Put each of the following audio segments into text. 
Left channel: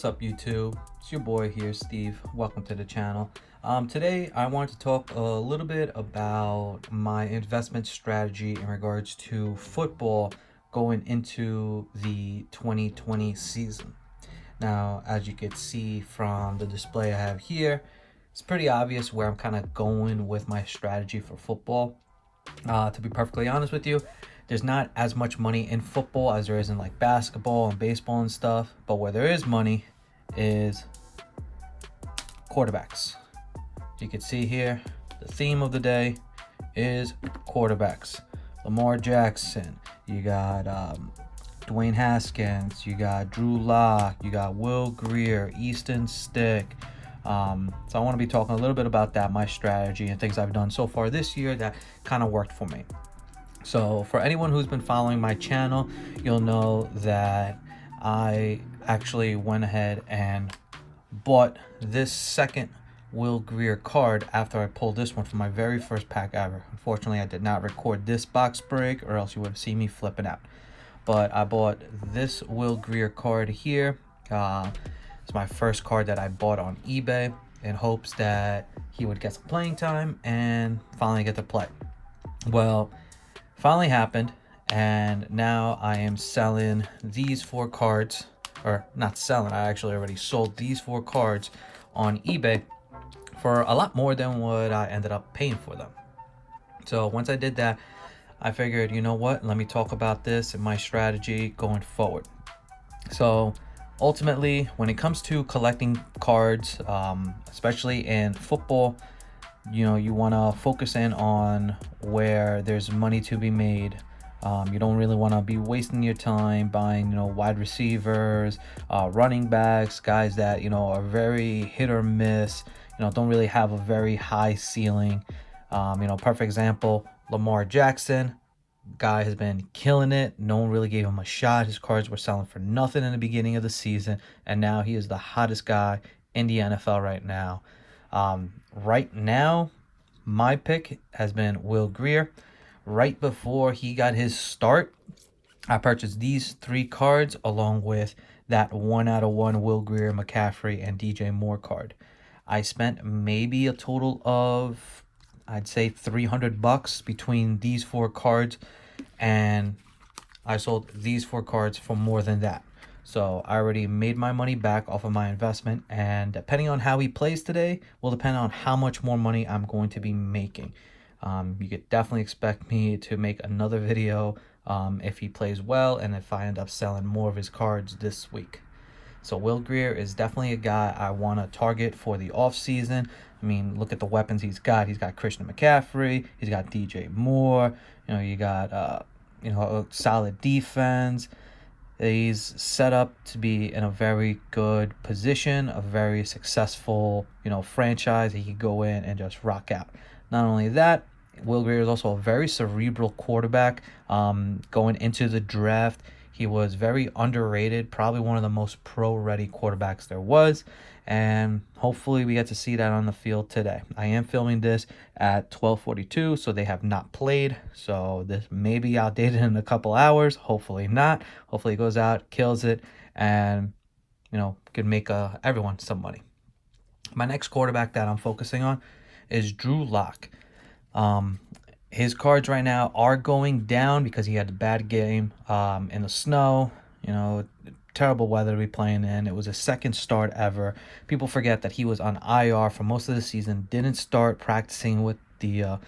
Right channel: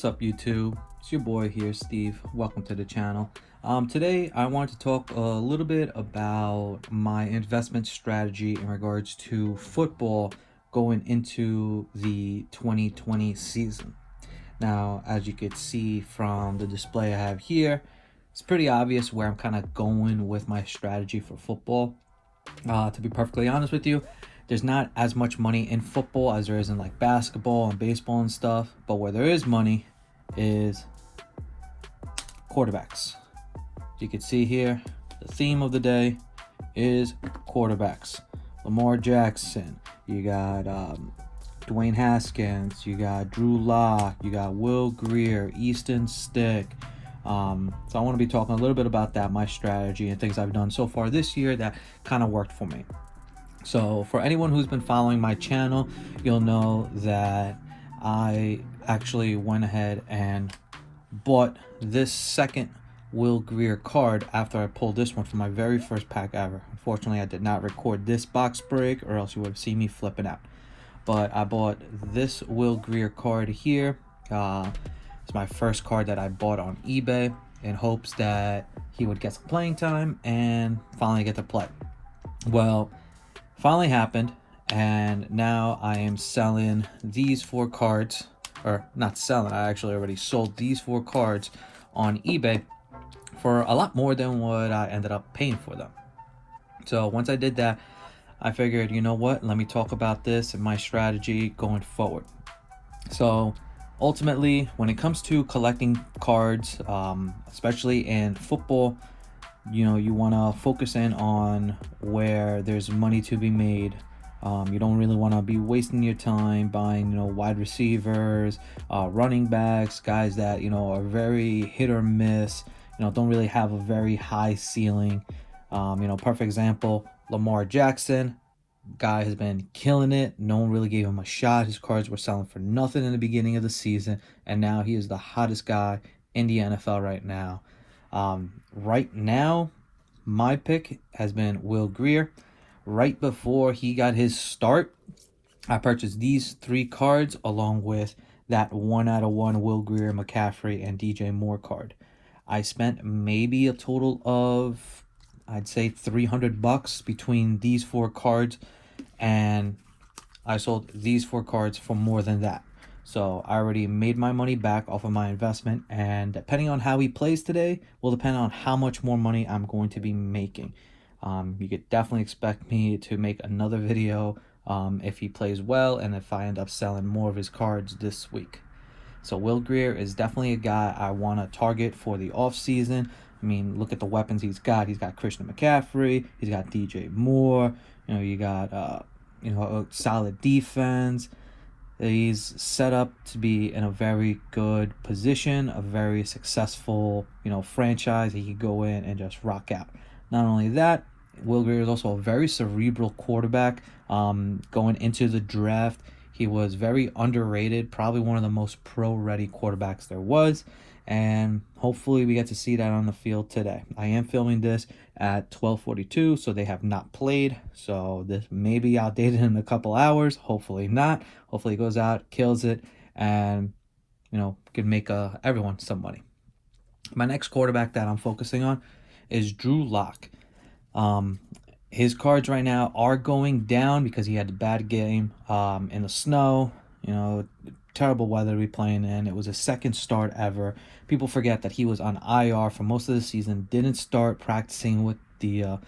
What's up, YouTube? It's your boy here, Steve. Welcome to the channel. Today I want to talk a little bit about my investment strategy in regards to football going into the 2020 season. Now, as you can see from the display I have here, it's pretty obvious where I'm kind of going with my strategy for football. To be perfectly honest with you, there's not as much money in football as there is in like basketball and baseball and stuff, but where there is money is quarterbacks. You can see here, the theme of the day is quarterbacks. Lamar Jackson, you got Dwayne Haskins, you got Drew Lock, you got Will Grier, Easton Stick. So I want to be talking a little bit about that, my strategy and things I've done so far this year that kind of worked for me. So for anyone who's been following my channel, you'll know that I actually went ahead and bought this second Will Grier card after I pulled this one from my very first pack ever. Unfortunately, I did not record this box break or else you would have seen me flipping out. But I bought this Will Grier card here. It's my first card that I bought on eBay in hopes that he would get some playing time and finally get to play. Well, finally happened, and now I am selling these 4 cards, or not selling, I actually already sold these 4 cards on eBay for a lot more than what I ended up paying for them. So once I did that, I figured, you know what, let me talk about this and my strategy going forward. So ultimately, when it comes to collecting cards, especially in football, you know, you want to focus in on where there's money to be made. You don't really want to be wasting your time buying, wide receivers, running backs, guys that, are very hit or miss, don't really have a very high ceiling. Perfect example, Lamar Jackson. Guy has been killing it. No one really gave him a shot. His cards were selling for nothing in the beginning of the season, and now he is the hottest guy in the NFL right now. Right now, my pick has been Will Grier. Right before he got his start, I purchased these 3 cards along with that 1/1 Will Grier, McCaffrey, and DJ Moore card. I spent maybe a total of, I'd say, $300 between these 4 cards, and I sold these 4 cards for more than that. So I already made my money back off of my investment, and depending on how he plays today will depend on how much more money I'm going to be making. You could definitely expect me to make another video if he plays well and if I end up selling more of his cards this week. So Will Grier is definitely a guy I want to target for the off season. I mean, look at the weapons he's got. He's got Christian McCaffrey. He's got DJ Moore. You got a solid defense. He's set up to be in a very good position, a very successful, franchise. He could go in and just rock out. Not only that, Will Grier is also a very cerebral quarterback. Going into the draft, he was very underrated, probably one of the most pro-ready quarterbacks there was, and hopefully we get to see that on the field today. I am filming this at 12:42, so they have not played, so this may be outdated in a couple hours. Hopefully not. Hopefully he goes out, kills it, and could make everyone some money. My next quarterback that I'm focusing on is Drew Lock. His cards right now are going down because he had a bad game in the snow, terrible weather to be playing in. It was his second start ever. People forget that he was on IR for most of the season, didn't start practicing with the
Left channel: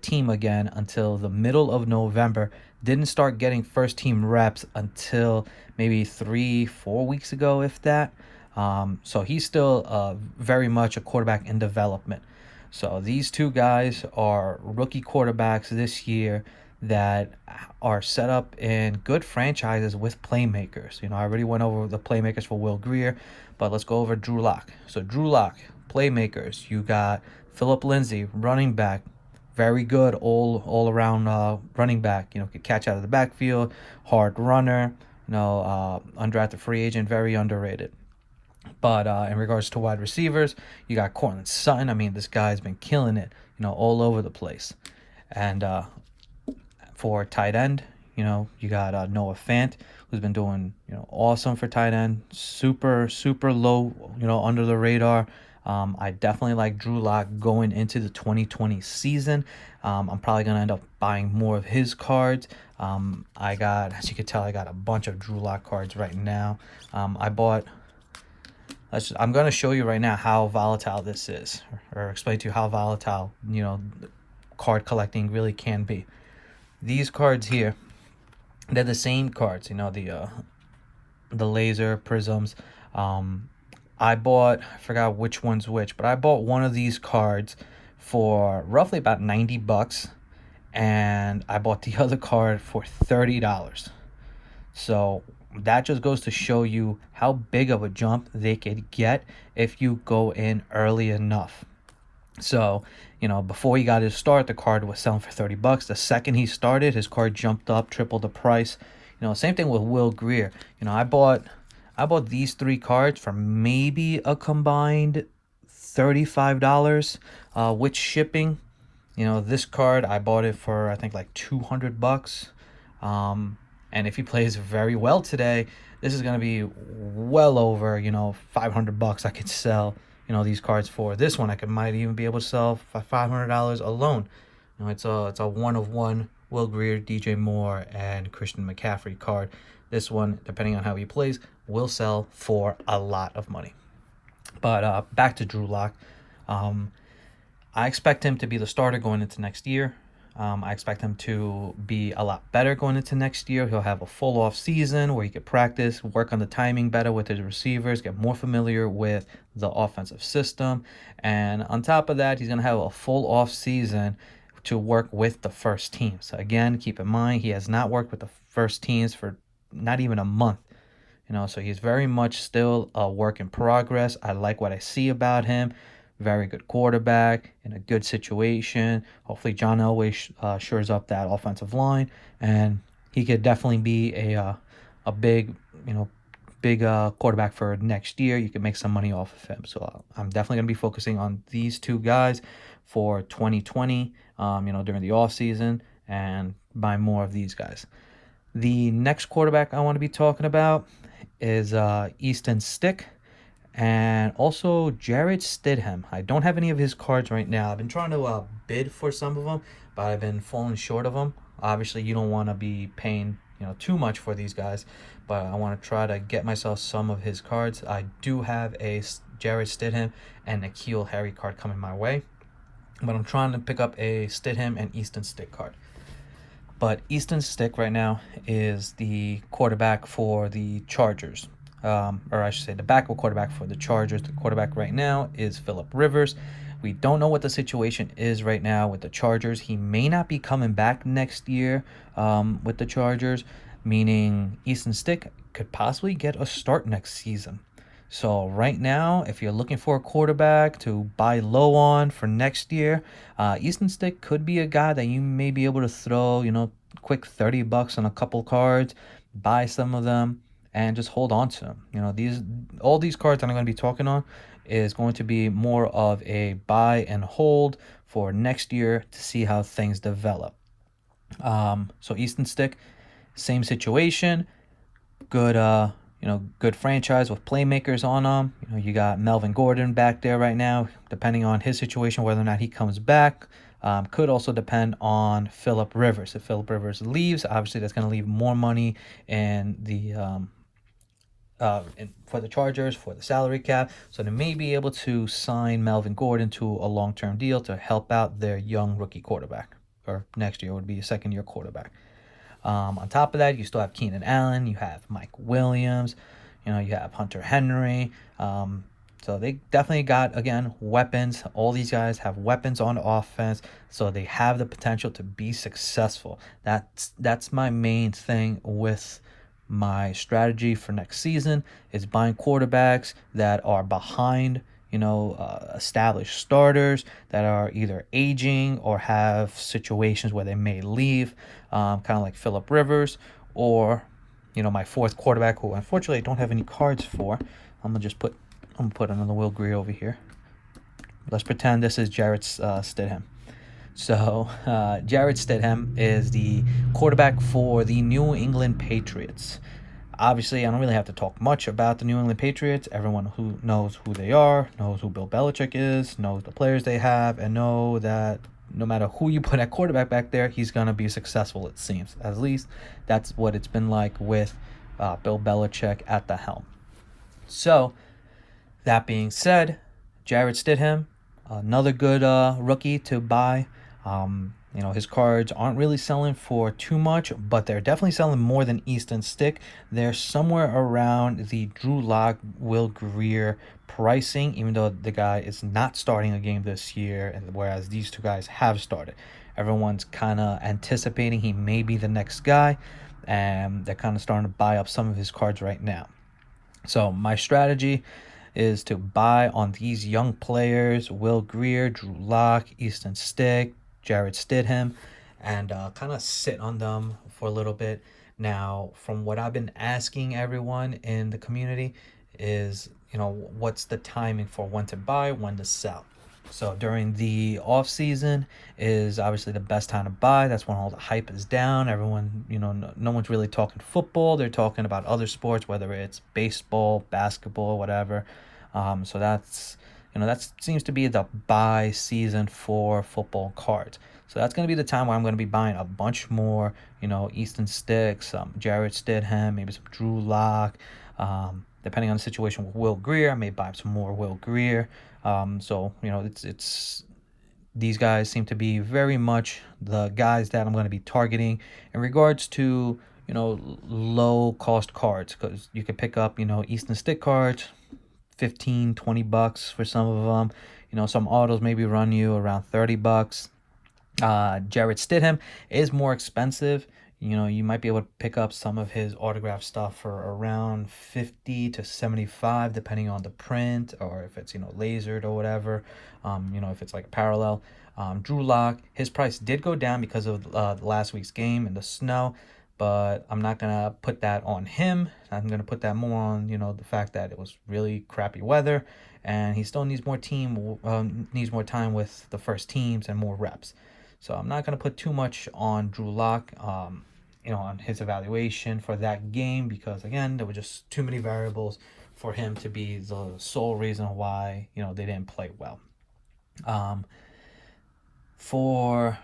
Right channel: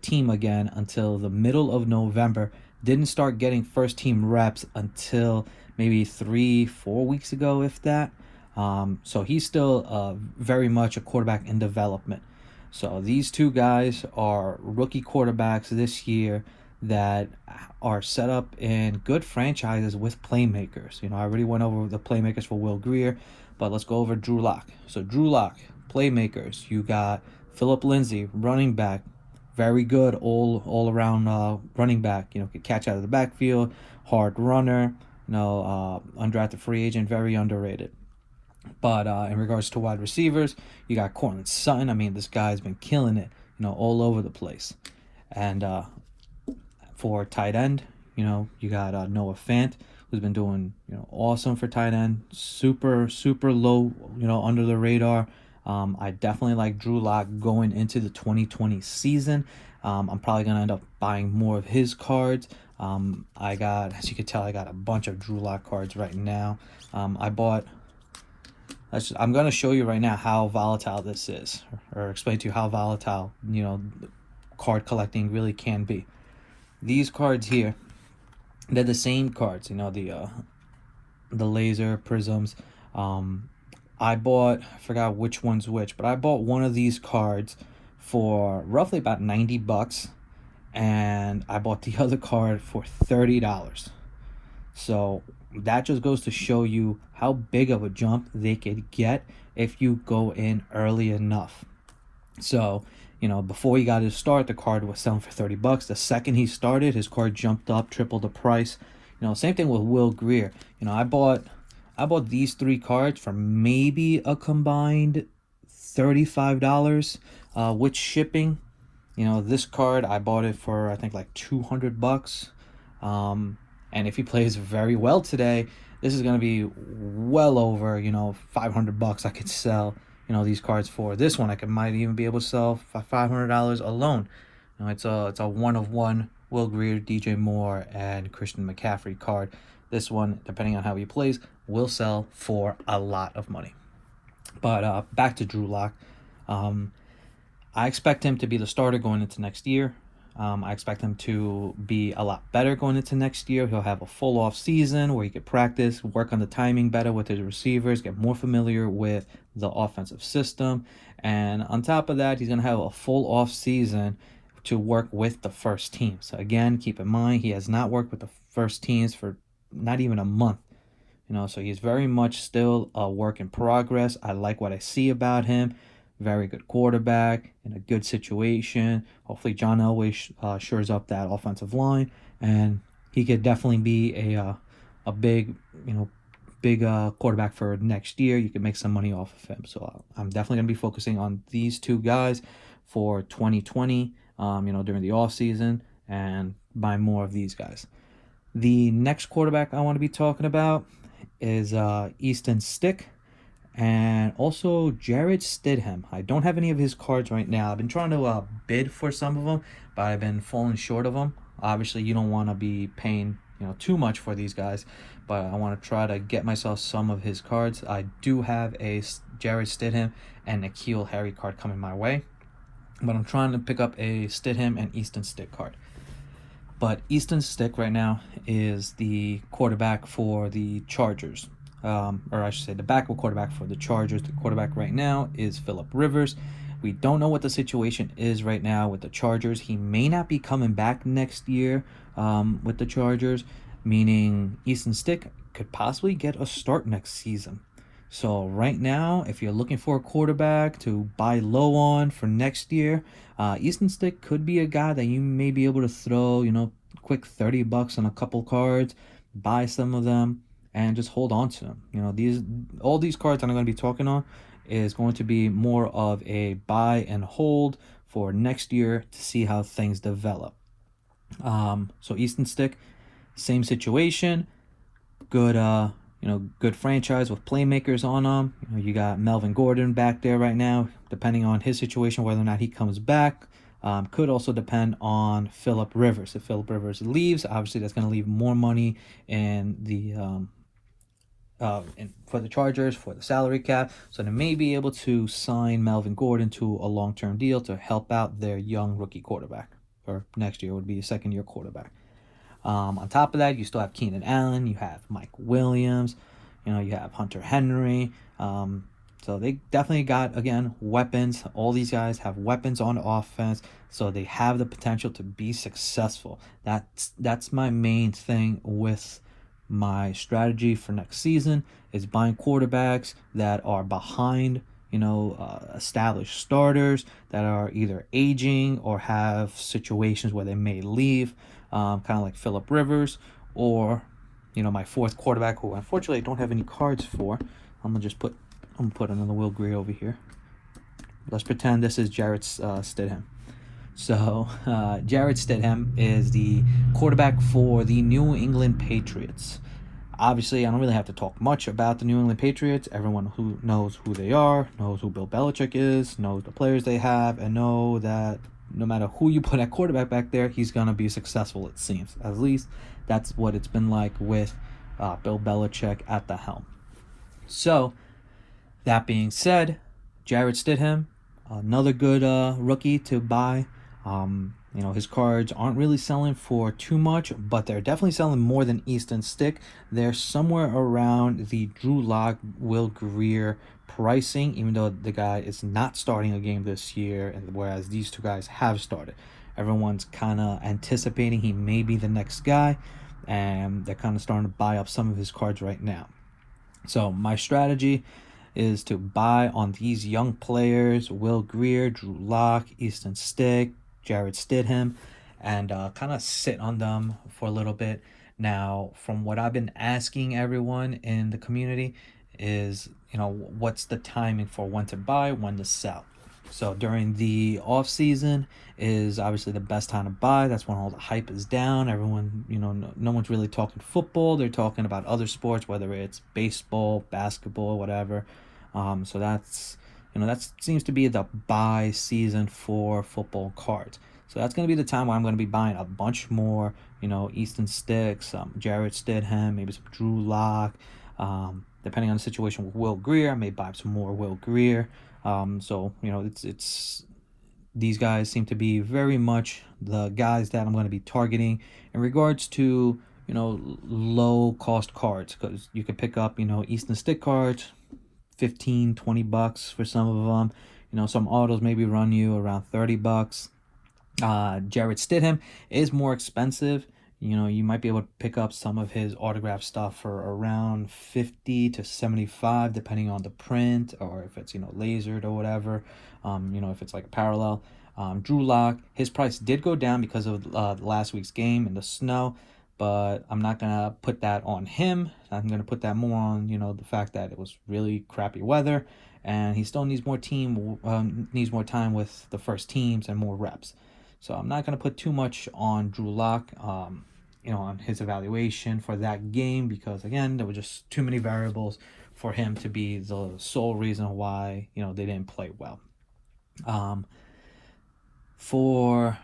team again until the middle of November, didn't start getting first team reps until maybe 3-4 weeks ago, if that. So he's still very much a quarterback in development. So these 2 guys are rookie quarterbacks this year that are set up in good franchises with playmakers. I already went over the playmakers for Will Grier, but let's go over Drew Lock. So Drew Lock, playmakers. You got Phillip Lindsay, running back, very good all around running back. Could catch out of the backfield, hard runner. Undrafted free agent, very underrated. But in regards to wide receivers, you got Cortland Sutton. I mean, this guy's been killing it, all over the place. And for tight end, you got Noah Fant, who's been doing, awesome for tight end. Super, super low, under the radar. I definitely like Drew Lock going into the 2020 season. I'm probably going to end up buying more of his cards. I got, as you can tell, I got a bunch of Drew Lock cards right now. I bought, I'm going to show you right now how volatile this is, or explain to you how volatile, card collecting really can be. These cards here, they're the same cards, the laser prisms. I forgot which one's which, but I bought one of these cards for roughly about $90, and I bought the other card for $30. So that just goes to show you how big of a jump they could get if you go in early enough. So, before he got his start, the card was selling for $30. The second he started, his card jumped up, tripled the price. Same thing with Will Grier. I bought these 3 cards for maybe a combined $35 with shipping. This card, I bought it for, I think, like $200. And if he plays very well today, this is going to be well over, $500 I could sell, these cards for. This one I might even be able to sell for $500 alone. It's a one-of-one Will Grier, DJ Moore, and Christian McCaffrey card. This one, depending on how he plays, will sell for a lot of money. But back to Drew Lock. I expect him to be the starter going into next year. I expect him to be a lot better going into next year. He'll have a full off season where he could practice, work on the timing better with his receivers, get more familiar with the offensive system. And on top of that, he's going to have a full off season to work with the first team. So again, keep in mind, he has not worked with the first teams for not even a month. So he's very much still a work in progress. I like what I see about him. Very good quarterback in a good situation. Hopefully John Elway shores up that offensive line, and he could definitely be a big quarterback for next year. You can make some money off of him. So I'm definitely going to be focusing on these 2 guys for 2020, during the off season, and buy more of these guys. The next quarterback I want to be talking about is Easton Stick. And also Jarrett Stidham. I don't have any of his cards right now. I've been trying to bid for some of them, but I've been falling short of them. Obviously, you don't want to be paying too much for these guys, but I want to try to get myself some of his cards. I do have a Jarrett Stidham and N'Keal Harry card coming my way, but I'm trying to pick up a Stidham and Easton Stick card. But Easton Stick right now is the quarterback for the Chargers. Or I should say the backup quarterback for the Chargers. The quarterback right now is Phillip Rivers. We don't know what the situation is right now with the Chargers. He may not be coming back next year with the Chargers, meaning Easton Stick could possibly get a start next season. So right now, if you're looking for a quarterback to buy low on for next year, Easton Stick could be a guy that you may be able to throw, quick $30 on a couple cards, buy some of them, and just hold on to them. All these cards that I'm going to be talking on is going to be more of a buy and hold for next year to see how things develop. So Easton Stick, same situation. Good, good franchise with playmakers on them. You got Melvin Gordon back there right now. Depending on his situation, whether or not he comes back, could also depend on Phillip Rivers. If Phillip Rivers leaves, obviously that's going to leave more money in the for the Chargers, for the salary cap. So they may be able to sign Melvin Gordon to a long-term deal to help out their young rookie quarterback, or next year would be a second-year quarterback. On top of that, you still have Keenan Allen, you have Mike Williams, you have Hunter Henry. So they definitely got, again, weapons. All these guys have weapons on offense, so they have the potential to be successful. That's my main thing with my strategy for next season, is buying quarterbacks that are behind, established starters that are either aging or have situations where they may leave, kind of like Phillip Rivers, or my 4th quarterback, who unfortunately I don't have any cards for. I'm gonna put another Will Grier over here. Let's pretend this is Jarrett Stidham. So Jarrett Stidham is the quarterback for the New England Patriots. Obviously, I don't really have to talk much about the New England Patriots. Everyone who knows who they are, knows who Bill Belichick is, knows the players they have, and know that no matter who you put at quarterback back there, he's going to be successful, it seems. At least that's what it's been like with Bill Belichick at the helm. So, that being said, Jarrett Stidham, another good rookie to buy. His cards aren't really selling for too much, but they're definitely selling more than Easton Stick. They're somewhere around the Drew Lock, Will Grier pricing, even though the guy is not starting a game this year, and whereas these two guys have started. Everyone's kind of anticipating he may be the next guy, and they're kind of starting to buy up some of his cards right now. So my strategy is to buy on these young players, Will Grier, Drew Lock, Easton Stick, Jarrett Stidham, and kind of sit on them for a little bit. Now, from what I've been asking everyone in the community is, what's the timing for when to buy, when to sell? So during the off season is obviously the best time to buy. That's when all the hype is down. Everyone, no one's really talking football. They're talking about other sports, whether it's baseball, basketball, whatever. So that seems to be the buy season for football cards. So that's going to be the time where I'm going to be buying a bunch more, Easton Sticks, Jarrett Stidham, maybe some Drew Lock. Depending on the situation with Will Grier, I may buy some more Will Grier. It's these guys seem to be very much the guys that I'm going to be targeting in regards to, low cost cards, because you could pick up, Easton Stick cards, $15-20 for some of them. Some autos maybe run you around $30. Jarrett Stidham is more expensive. You might be able to pick up some of his autograph stuff for around $50 to $75, depending on the print, or if it's lasered or whatever. If it's like parallel. Drew Lock, his price did go down because of last week's game in the snow, but I'm not gonna put that on him. I'm gonna put that more on the fact that it was really crappy weather, and he still needs more time with the first teams and more reps. So I'm not gonna put too much on Drew Lock, on his evaluation for that game, because again, there were just too many variables for him to be the sole reason why they didn't play well. For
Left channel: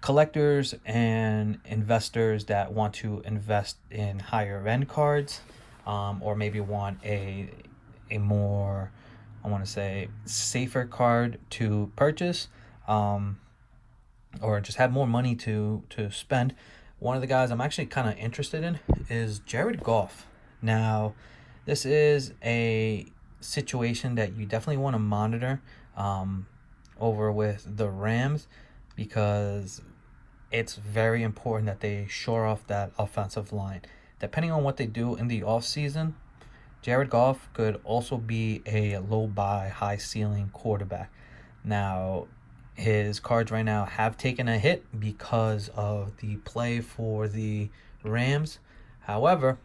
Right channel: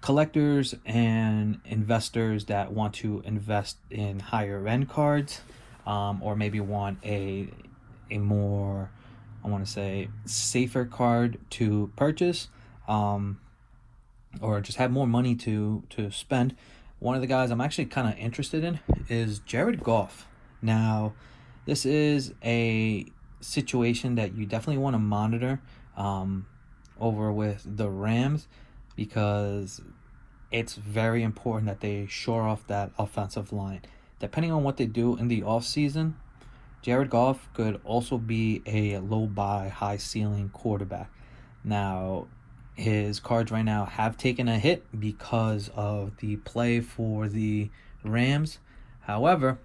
collectors and investors that want to invest in higher end cards, or maybe want a more, I want to say, safer card to purchase, or just have more money to spend, one of the guys I'm actually kind of interested in is Jared Goff. Now, this is a situation that you definitely want to monitor over with the Rams, because it's very important that they shore off that offensive line. Depending on what they do in the offseason, Jared Goff could also be a low buy, high ceiling quarterback. Now, his cards right now have taken a hit because of the play for the Rams. However,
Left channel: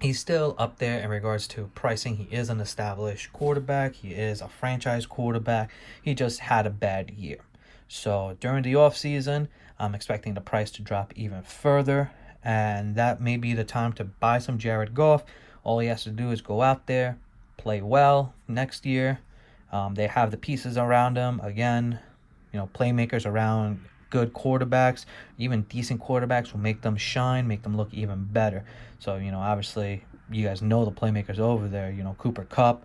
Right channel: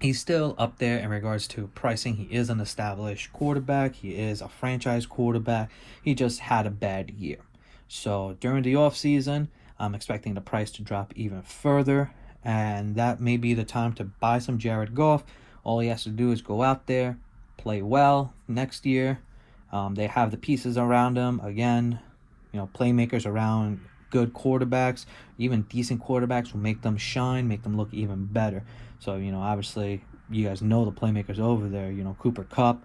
he's still up there in regards to pricing. He is an established quarterback. He is a franchise quarterback. He just had a bad year. So during the offseason, I'm expecting the price to drop even further, and that may be the time to buy some Jared Goff. All he has to do is go out there, play well next year. They have the pieces around him. Again, playmakers around good quarterbacks, even decent quarterbacks, will make them shine, make them look even better. So, obviously, you guys know the playmakers over there. Cooper Kupp,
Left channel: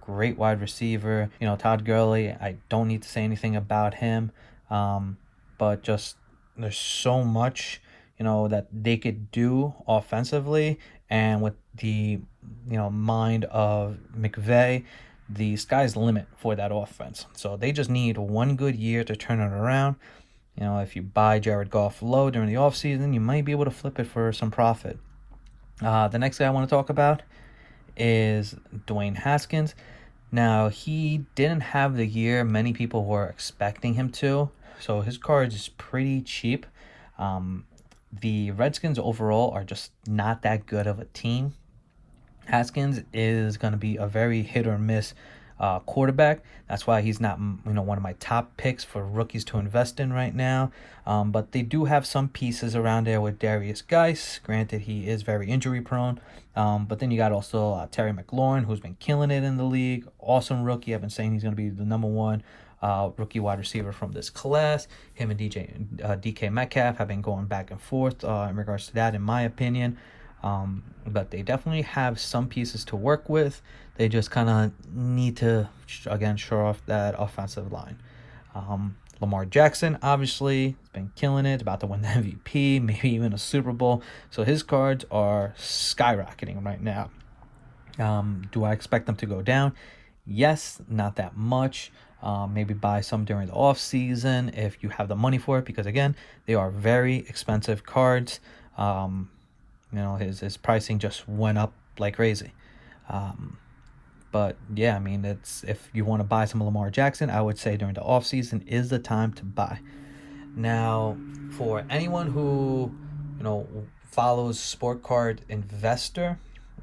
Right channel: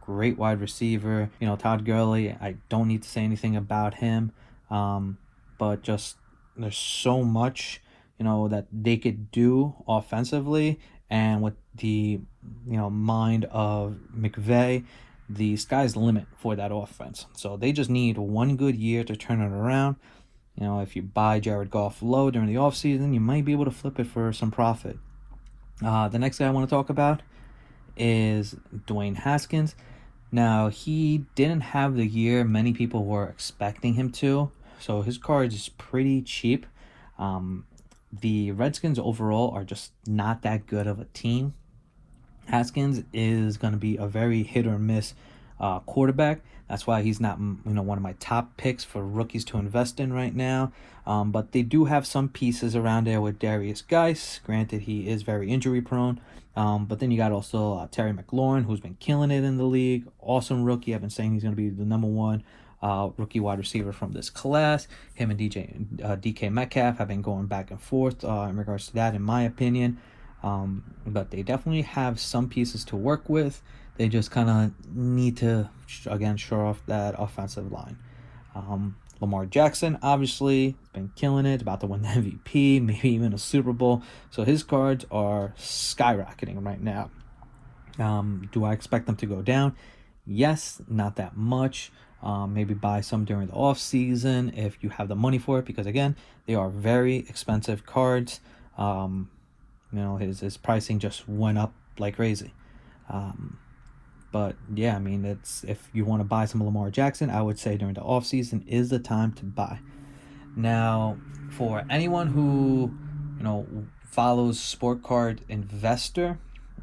great wide receiver. Todd Gurley, I don't need to say anything about him. But just there's so much, that they could do offensively, and with the, mind of McVay, the sky's the limit for that offense. So they just need one good year to turn it around. If you buy Jared Goff low during the offseason, you might be able to flip it for some profit. The next guy I want to talk about is Dwayne Haskins. Now, he didn't have the year many people were expecting him to, so his card is pretty cheap. The Redskins overall are just not that good of a team. Haskins is going to be a very hit or miss quarterback. That's why he's not, one of my top picks for rookies to invest in right now. But they do have some pieces around there with Darius Geis. Granted, he is very injury prone. But then you got also Terry McLaurin, who's been killing it in the league. Awesome rookie. I've been saying he's going to be the number one rookie wide receiver from this class. Him and DK Metcalf have been going back and forth in regards to that, in my opinion. But they definitely have some pieces to work with. They just kind of need to, again, shore off that offensive line. Lamar Jackson, obviously, has been killing it, about to win the MVP, maybe even a Super Bowl. So his cards are skyrocketing right now. Do I expect them to go down? Yes, not that much. Maybe buy some during the off season if you have the money for it, because again, they are very expensive cards. His pricing just went up like crazy. But yeah, I mean, if you want to buy some Lamar Jackson, I would say during the off season is the time to buy. Now, for anyone who follows Sport Card Investor,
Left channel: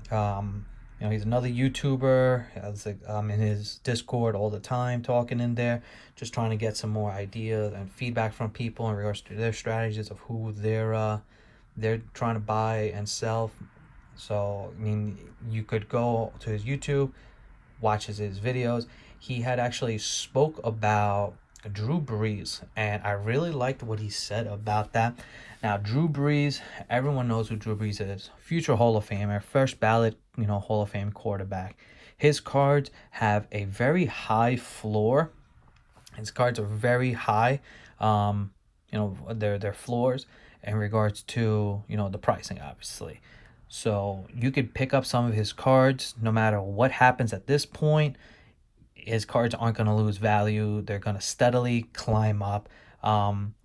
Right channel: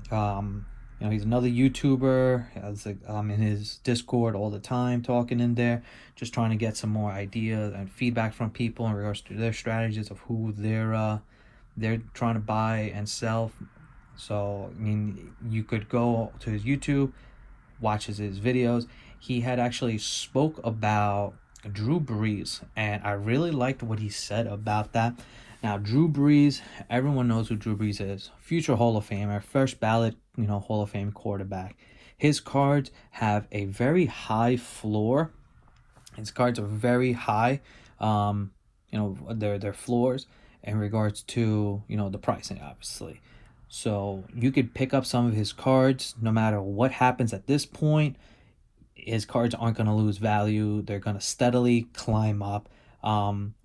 he's another YouTuber. Has in his Discord all the time, talking in there, just trying to get some more ideas and feedback from people in regards to their strategies of who they're trying to buy and sell. So I mean, you could go to his YouTube, watches his videos. He had actually spoke about Drew Brees, and I really liked what he said about that. Now, Drew Brees, everyone knows who Drew Brees is. Future Hall of Famer, first ballot, Hall of Fame quarterback. His cards have a very high floor. His cards are very high. Their floors in regards to, the pricing, obviously. So you could pick up some of his cards no matter what happens at this point. His cards aren't going to lose value. They're going to steadily climb up.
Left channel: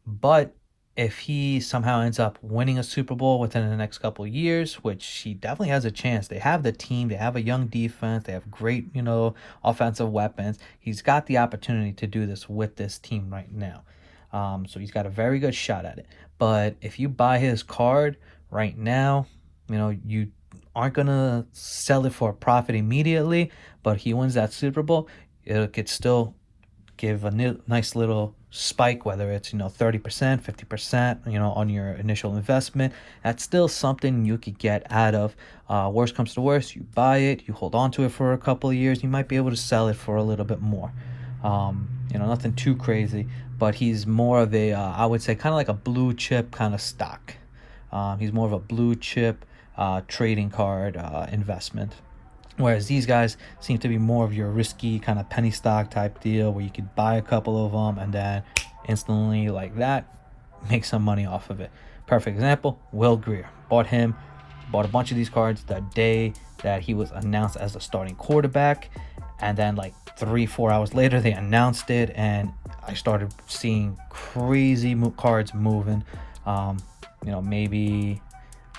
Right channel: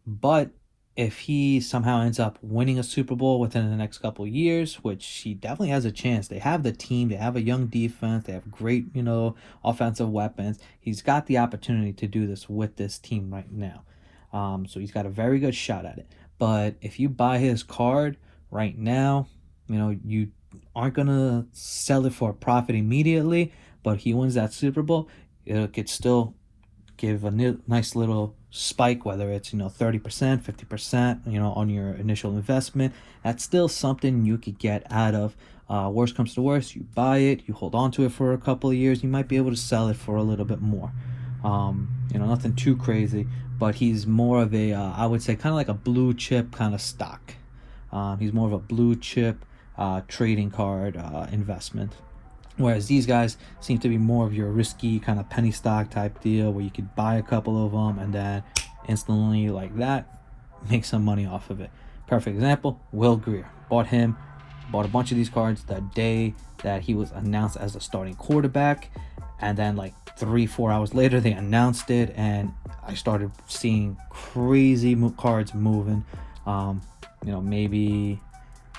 But if he somehow ends up winning a Super Bowl within the next couple of years, which he definitely has a chance. They have the team. They have a young defense. They have great, offensive weapons. He's got the opportunity to do this with this team right now. So he's got a very good shot at it. But if you buy his card right now, you aren't going to sell it for a profit immediately, but he wins that Super Bowl, it could still give a nice little spike, whether it's, 30%, 50%, on your initial investment. That's still something you could get out of. Worst comes to worst, you buy it, you hold on to it for a couple of years, you might be able to sell it for a little bit more. Nothing too crazy, but he's more of a, I would say, kind of like a blue chip kind of stock. He's more of a blue chip trading card investment, whereas these guys seem to be more of your risky kind of penny stock type deal, where you could buy a couple of them and then instantly, like that, make some money off of it. Perfect example, Will Grier. Bought a bunch of these cards the day that he was announced as a starting quarterback, and then like 3-4 hours later they announced it, and I started seeing crazy cards moving. Maybe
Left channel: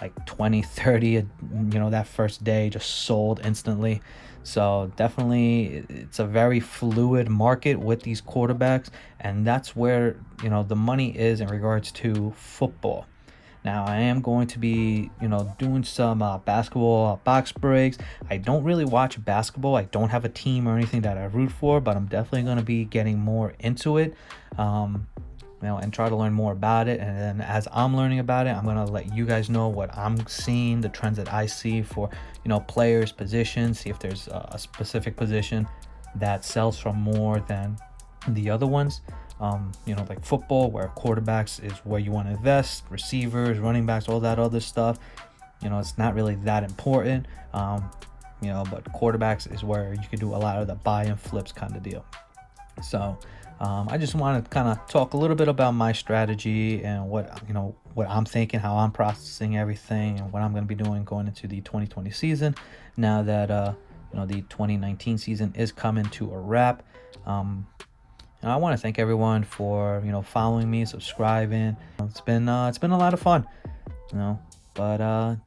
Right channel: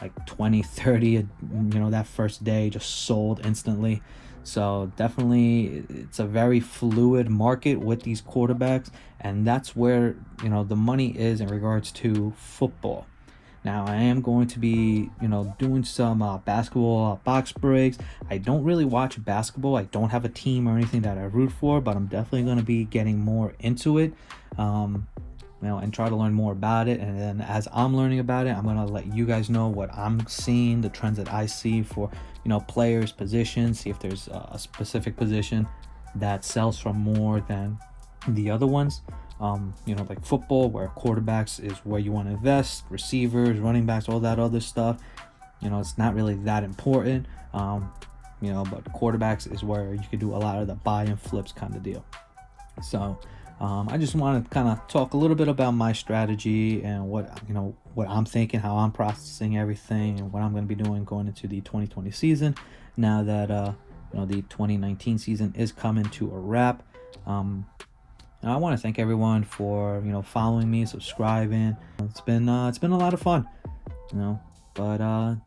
like 20-30, that first day just sold instantly. So definitely it's a very fluid market with these quarterbacks, and that's where the money is in regards to football. Now, I am going to be doing some basketball box breaks. I don't really watch basketball. I don't have a team or anything that I root for, but I'm definitely going to be getting more into it, and try to learn more about it. And then as I'm learning about it, I'm going to let you guys know what I'm seeing, the trends that I see for players, positions, see if there's a specific position that sells for more than the other ones. Like football, where quarterbacks is where you want to invest, receivers, running backs, all that other stuff, it's not really that important. But quarterbacks is where you could do a lot of the buy and flips kind of deal. So I just want to kind of talk a little bit about my strategy and what I'm thinking, how I'm processing everything, and what I'm going to be doing going into the 2020 season. Now that the 2019 season is coming to a wrap. And I want to thank everyone for following me, subscribing. It's been a lot of fun, but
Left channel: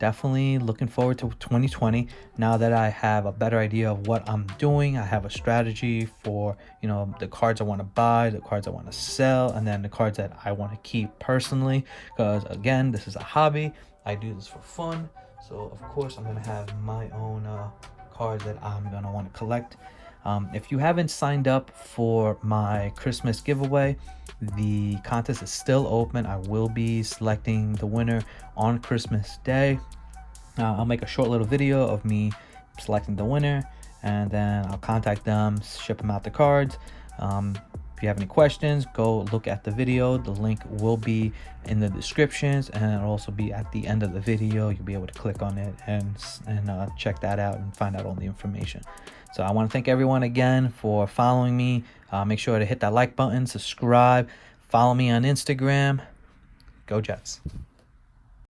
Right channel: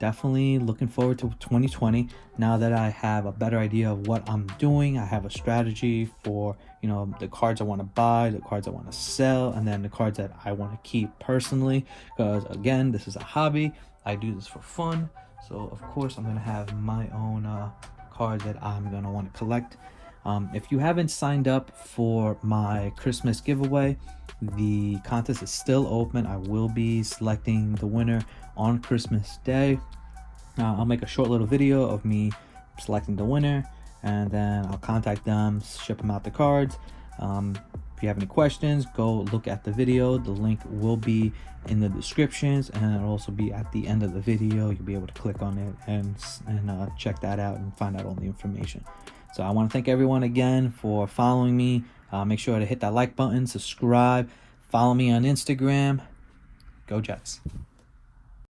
definitely looking forward to 2020. Now that I have a better idea of what I'm doing, I have a strategy for the cards I want to buy, the cards I want to sell, and then the cards that I want to keep personally, because again, this is a hobby. I do this for fun, so of course I'm going to have my own cards that I'm going to want to collect. If you haven't signed up for my Christmas giveaway, the contest is still open. I will be selecting the winner on Christmas Day. I'll make a short little video of me selecting the winner, and then I'll contact them, ship them out the cards. If you have any questions, go look at the video. The link will be in the descriptions, and it'll also be at the end of the video. You'll be able to click on it and check that out and find out all the information. So I want to thank everyone again for following me. Make sure to hit that like button, subscribe, follow me on Instagram. Go Jets.